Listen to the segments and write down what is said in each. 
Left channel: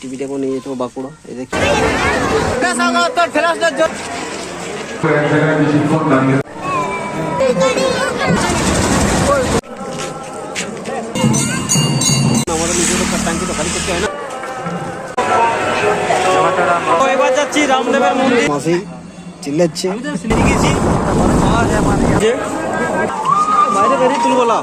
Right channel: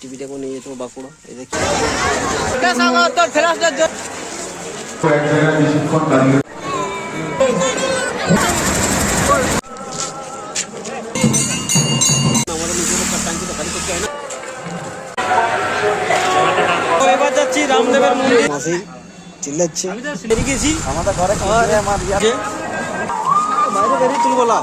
টিভিটাকে নিয়ে যেত বাঁকুড়া। এই দেখছি আমাদের নিজের ট্যাঙ্কি তো খালি করতে হয় না। এবার যাচ্ছি রামদেবের মন্দির। মাসি চিল্লাচ্ছে, বাইরে বেরিয়ে তুলবো না।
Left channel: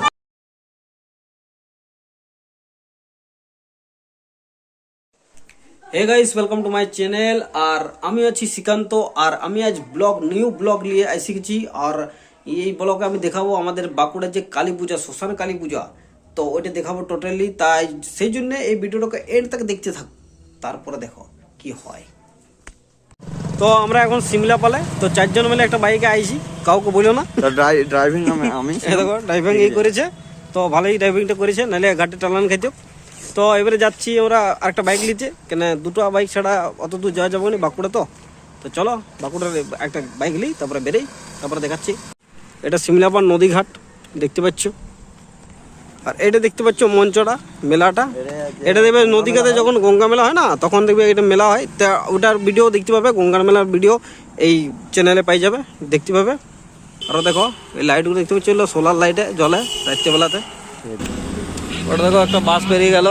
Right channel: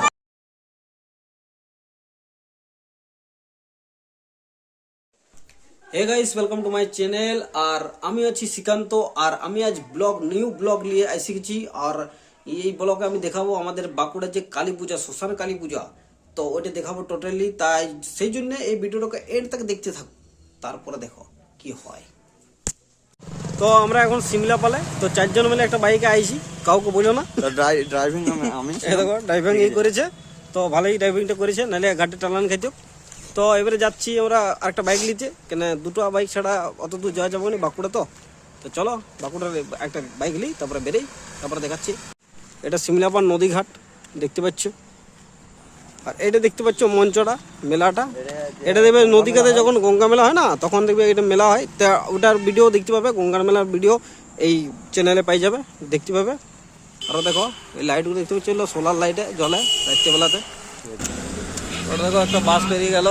Hey guys, welcome to my channel. আর আমি আছি শ্রীকান্ত, আর আমি আজ নিউ ব্লগ নিয়ে এসে গেছি। আর এই ব্লগে আমি দেখাবো আমাদের বাঁকুড়ার যে কালী পূজা, শ্মশান কালী পূজা, তো ওইটা দেখাবো টোটালি। তাই সেই জন্য এই ভিডিওটাকে এন্ড তক দেখতে থাকো, তারপরে দেখো কি হয়। তো আমরা এখন সিমলা পালে, তো 4 জন মিলে একটা বাইকে আইছি, কাউকে বলো না। ড্রাইভিং আমি দেখো ড্রাইভিং এই করেছে, তো ভালোই ড্রাইভিংটা করেছে, নাহলে ঘাটে টালান খাইতো। তো এবারে যাচ্ছি আমরা আরেকটা বাইক নিতে, কেন দুটো বাইক ছাড়া অত দূর যাওয়া যাবো না বাঁকুড়া। তো চলো বাঁকুড়ার একটা বাইক নিই, তারপরে বেরোই, তারপরে দেখাচ্ছি। এটা সিমলাপাড় নদীঘাট দেখতে পাচ্ছ, আর এটা দেখতে পাচ্ছ মঞ্চটা মেলাটা। এটা দেখবে নদীঘাটে যখন গঙ্গা মেলা হয় না, তখন দেখবে এটা মেলা হয়, তা ওটার ভিডিও দেখতে পাবে, গঙ্গার মেলার ভিডিও এই চ্যানেলে পাই যাবে, দেখতে পাবে। আরও দেখো এই লাইটগুলো দেখতে পাচ্ছ, সোলার লাইটে জ্বলে রাত্রেবেলাতে। ওটা দেখো একটা বাস বেরিয়ে গেল,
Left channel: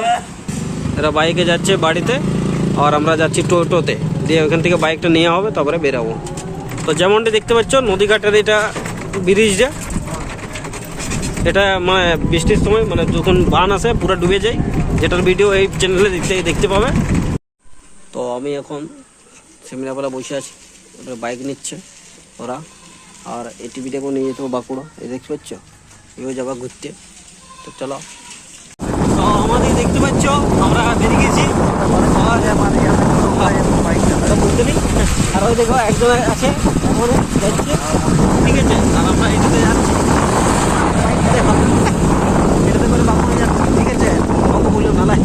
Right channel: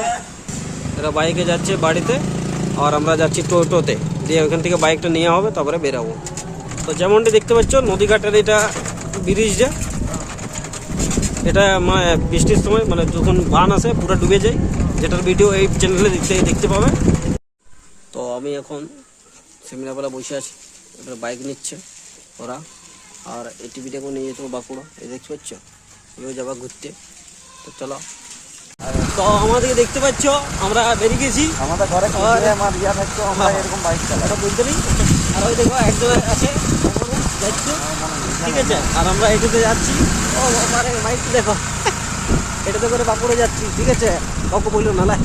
এরা বাইকে যাচ্ছে বাড়িতে, আর আমরা যাচ্ছি টোটোতে, দিয়ে ওখান থেকে বাইকটা নেওয়া হবে, তারপরে বেরাবো। তো যেমনটি দেখতে পাচ্ছ নদীঘাটের এটা ব্রিজটা, এটা মানে বৃষ্টির সময় মানে যখন বান আসে পুরো ডুবে যায়, যেটার ভিডিও এই চ্যানেলে দেখতে পাবে। তো আমি এখন সিমলাপাড়া বসে আছি, ওটা বাইক নিচ্ছে ওরা, আর এই টিভিটাকেও নিয়ে যেত বাঁকুড়া। এই দেখতে পাচ্ছ এও যাবা ঘুরতে। তো চলো, তো আমাদের দেখতে পাচ্ছ আমরা বেরিয়ে গেছি, বুঝতে নেই। আর ওই দেখো একজন আছে যাচ্ছে, ঠিক আছে, আর আমরা এটাতে যাচ্ছি, এটাতে করে বাঁকুড়ে যাচ্ছি, ঠিক আছে, কাউকে বললো নালায়।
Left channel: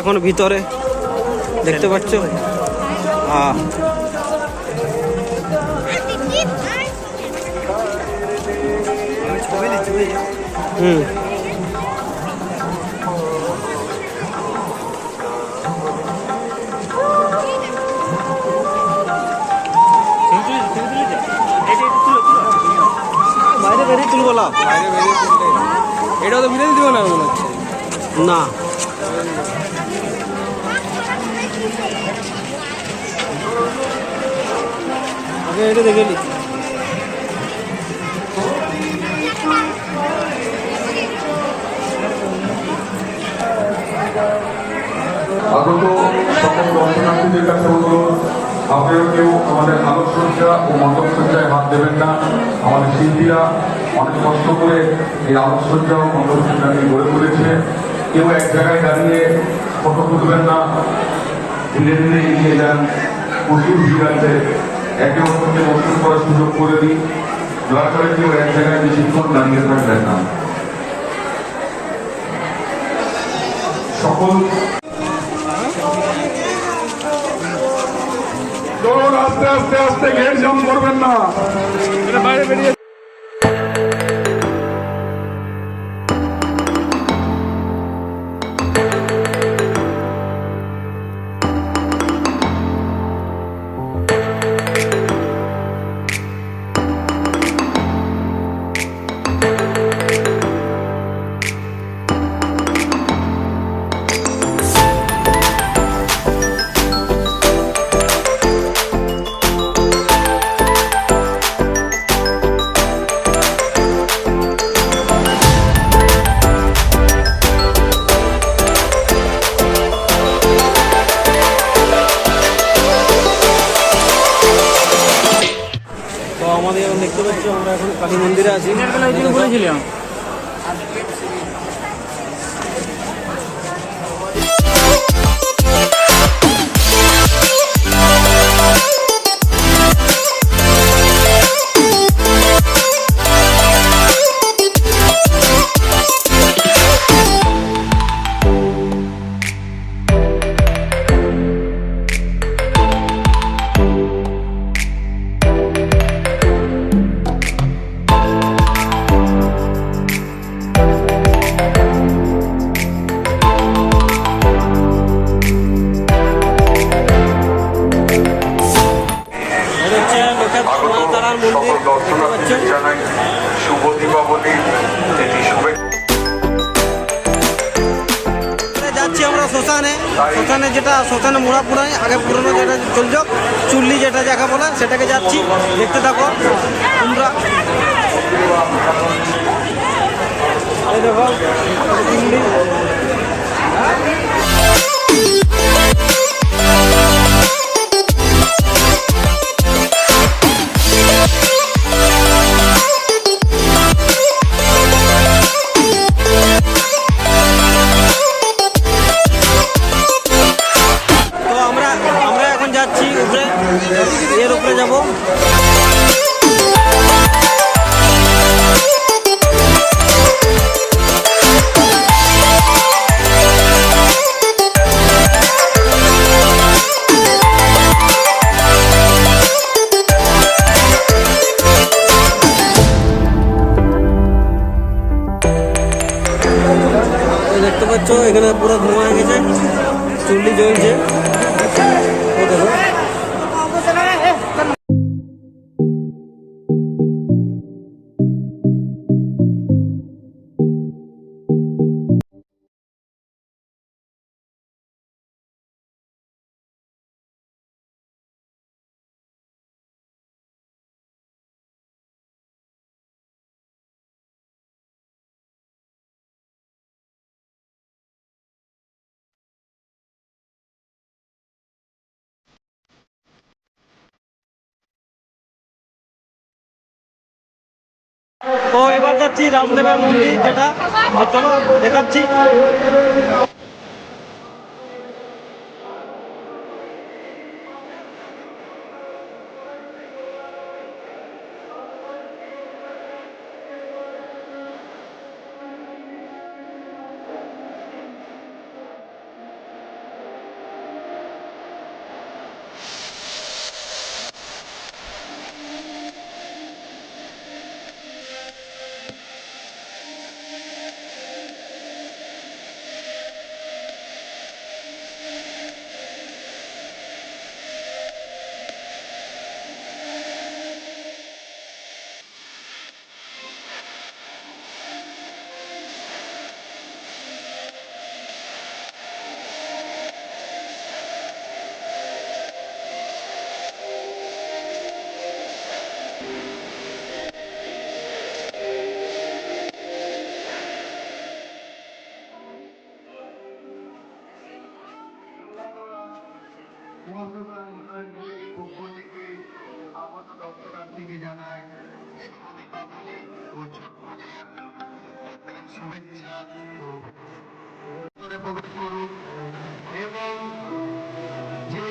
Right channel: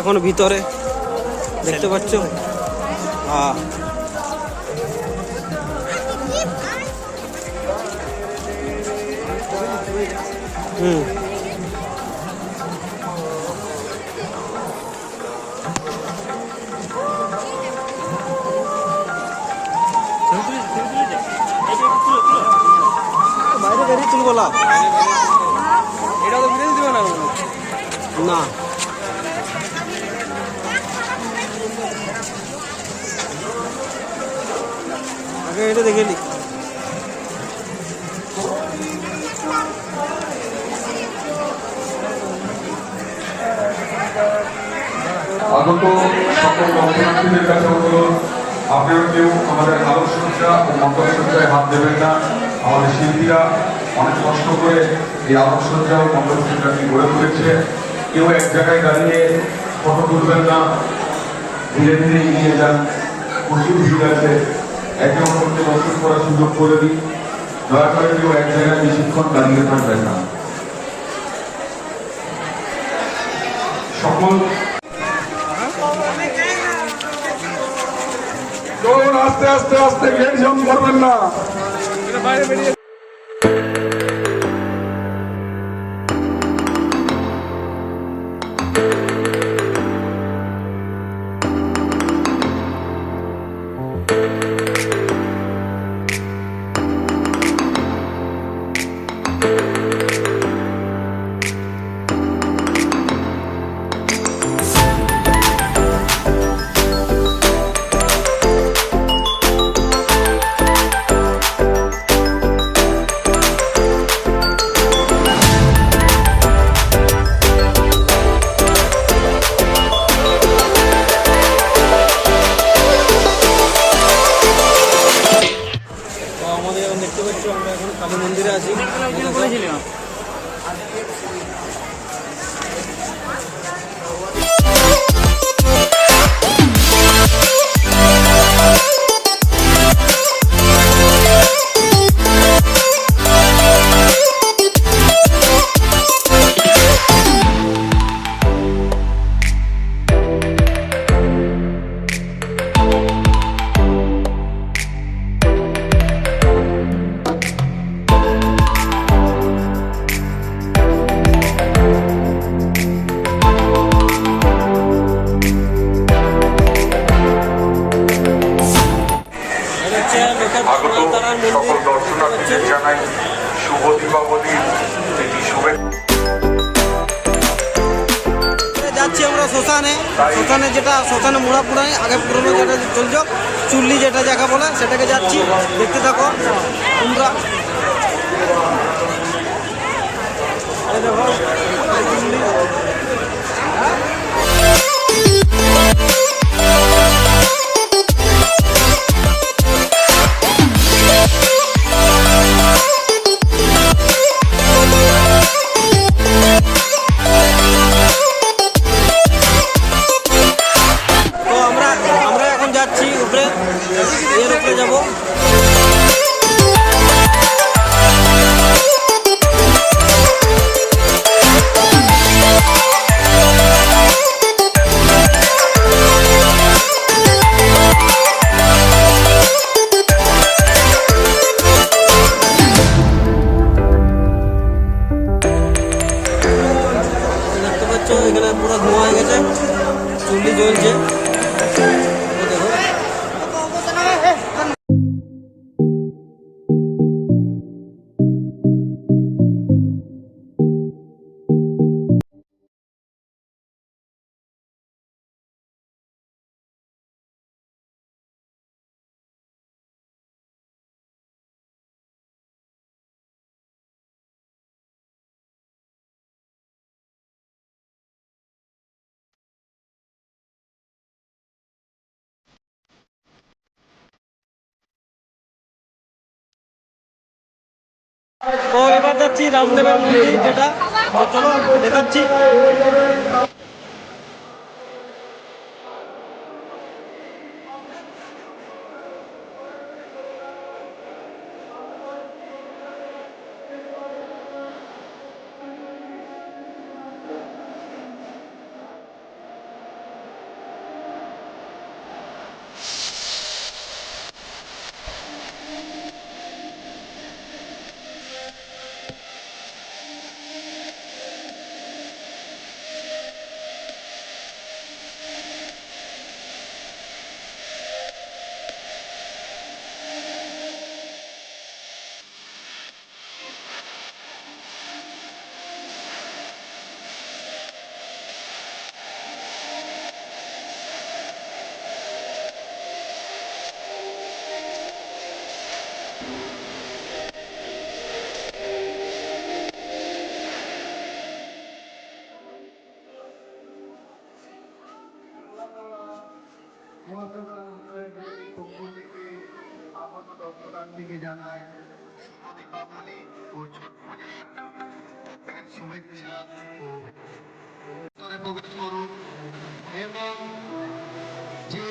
এখন ভিতরে দেখতে পাচ্ছ। হুম, বাইরে বেরিয়ে তুলবো না, এটা তো বিরিয়ানি দিবে না না আগে এটা দেখে নি। আগত সকল দর্শনার্থীদের কাছে অনুরোধ, আপনারা কেউ আমাদের আলোকসজ্জা ও মণ্ডপসজ্জায় হাত দেবেন না। আমাদের শিল্পীরা অনেক কষ্ট করে এই আলোকসজ্জা ও মণ্ডপসজ্জাকে গড়ে তুলেছে। কেউ এক জায়গায় দাঁড়িয়ে ফটো তুলবেন না, ধীরে ধীরে এগিয়ে যান। প্রচুর ভিড় আছে, একে অপরকে বসে করার সুযোগ করে দিই। দয়া করে কেউ এক জায়গায় বেশিক্ষণ দাঁড়িয়ে থাকবেন না। সকল আস্তে আস্তে আস্তে গেট জাম করবেন না। বাইরে বেরিয়ে তো আমাদের এখন দেখতে পাচ্ছ আমরা এখন কালী মন্দিরে আছি। বলেছিলাম এটা হচ্ছে লোকের মা তারার মন্দির দেখতে পাচ্ছ। জানাই শুভ দীপাবলি, এটি যাচ্ছি আমরা শ্মশানে। শ্মশানে যেটা শ্মশানে মোড়া পুরাই আগে পুরনো যেটা চলছ চুল্লি যেটা জায়গা বলে সেটাকে যাচ্ছি, দেখতে থাকো তোমরা। এই দেখো চুল্লি। তো আমরা এখন যাচ্ছি উপরে, এর উপরে যাবো। দেখতে পাচ্ছ এখানে পুরো ধোঁয়া হয়ে গেছে, চুল্লি জ্বলছে, এই দেখো। তো এবার যাচ্ছি রামদেবের মন্দির যেটা, তো চলো দেখাচ্ছি। সমাজসেবার উন্নয়নের পক্ষ থেকে আগত দর্শনার্থীকে জানায় দীপাবলি ও ছট পূজার শুভেচ্ছা ও ভিতরে প্রবেশ করুন এবং যে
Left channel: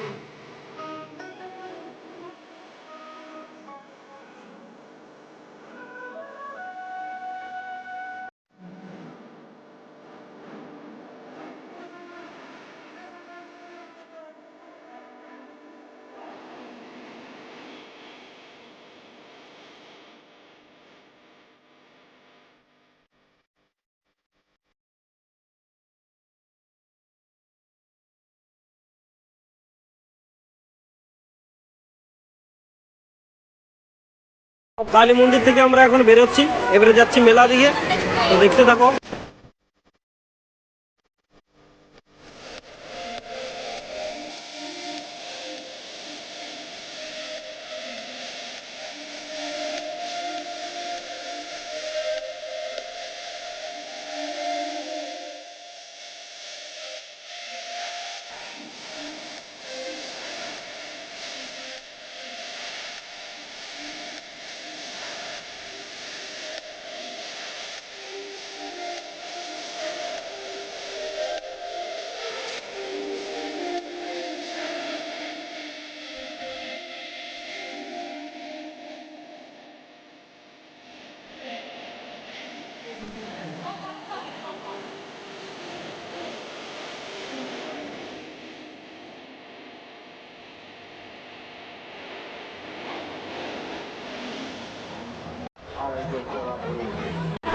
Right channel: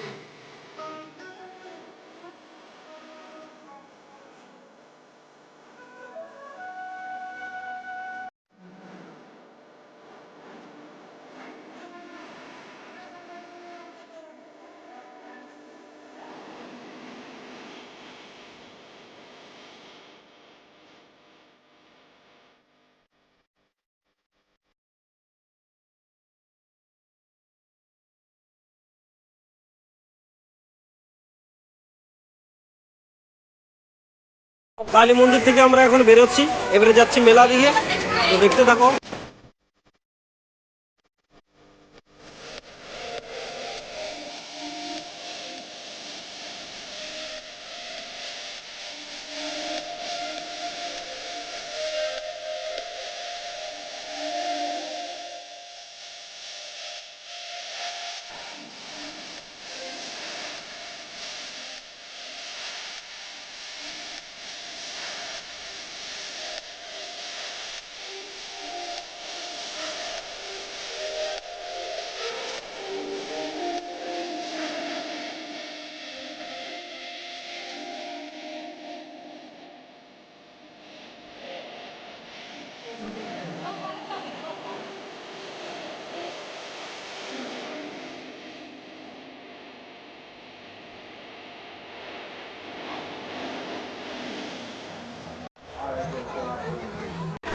কালী মন্দির থেকে আমরা এখন বেরোচ্ছি, এবারে যাচ্ছি মেলা দিকে, তো দেখতে থাকো।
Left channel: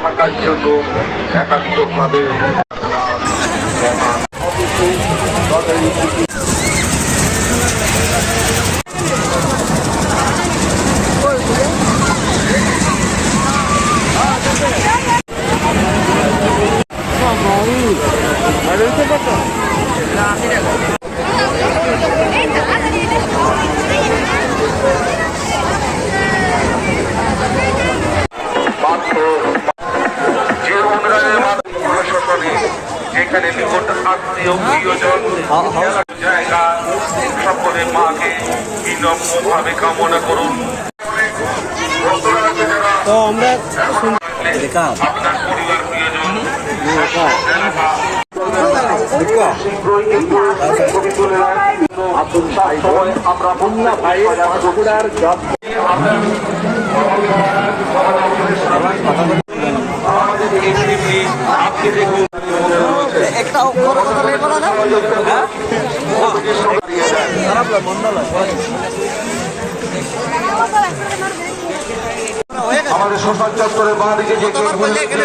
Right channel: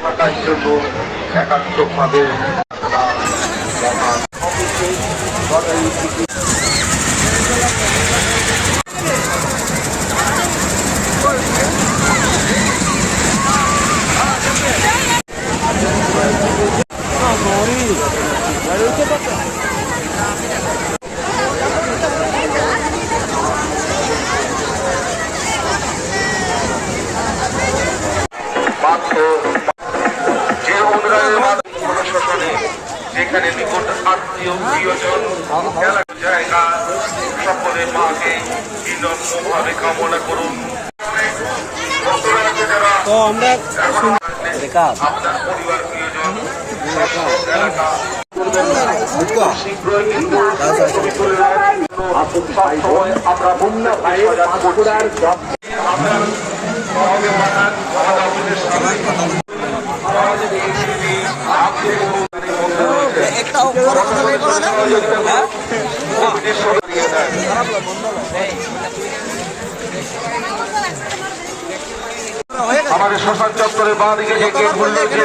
থাকার জন্য একাত্মভাবে যে উন্নয়নের মাধ্যমে প্রশাসনে এখানে নিকট আত্মীয় প্রিয়জন খেলার জায়গা সকলের মাকে বিনম্রভাবে কামনা করুন। তো আমরা আপনার পরিবার প্রিয়জন এলাকা শীঘ্রই কিন্তু ছবি তুলে আমরা বন্যা আমাদের শ্মশান চত্বরের বাঁ দিকে যে গেটগুলি রয়েছে,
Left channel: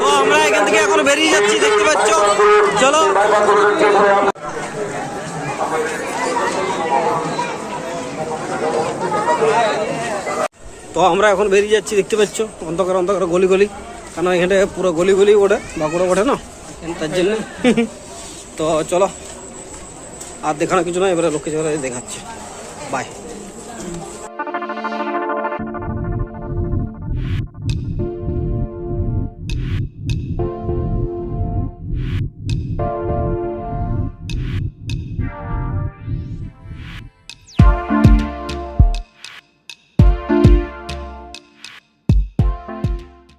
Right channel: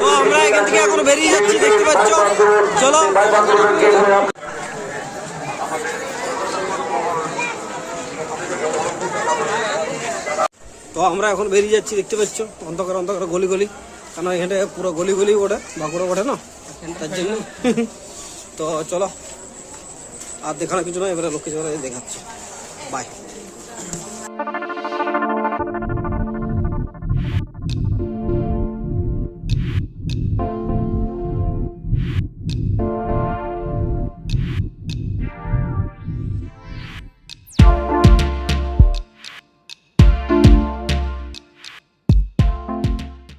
তো আমরা এখান থেকে এখন বেরিয়ে যাচ্ছি, দেখতে পাচ্ছ। চলো। তো আমরা এখন বেরিয়ে যাচ্ছি, দেখতে পাচ্ছ, অন্ধকার অন্ধকার গলি গলি, কারণ এখানে পুরো গলি গলি ওঠে, বাঁকুড়া ওঠে না, তার জন্য। তো চলো, আর দেখানো কিছু না, এবারে লোকে দেখাচ্ছে। বাই।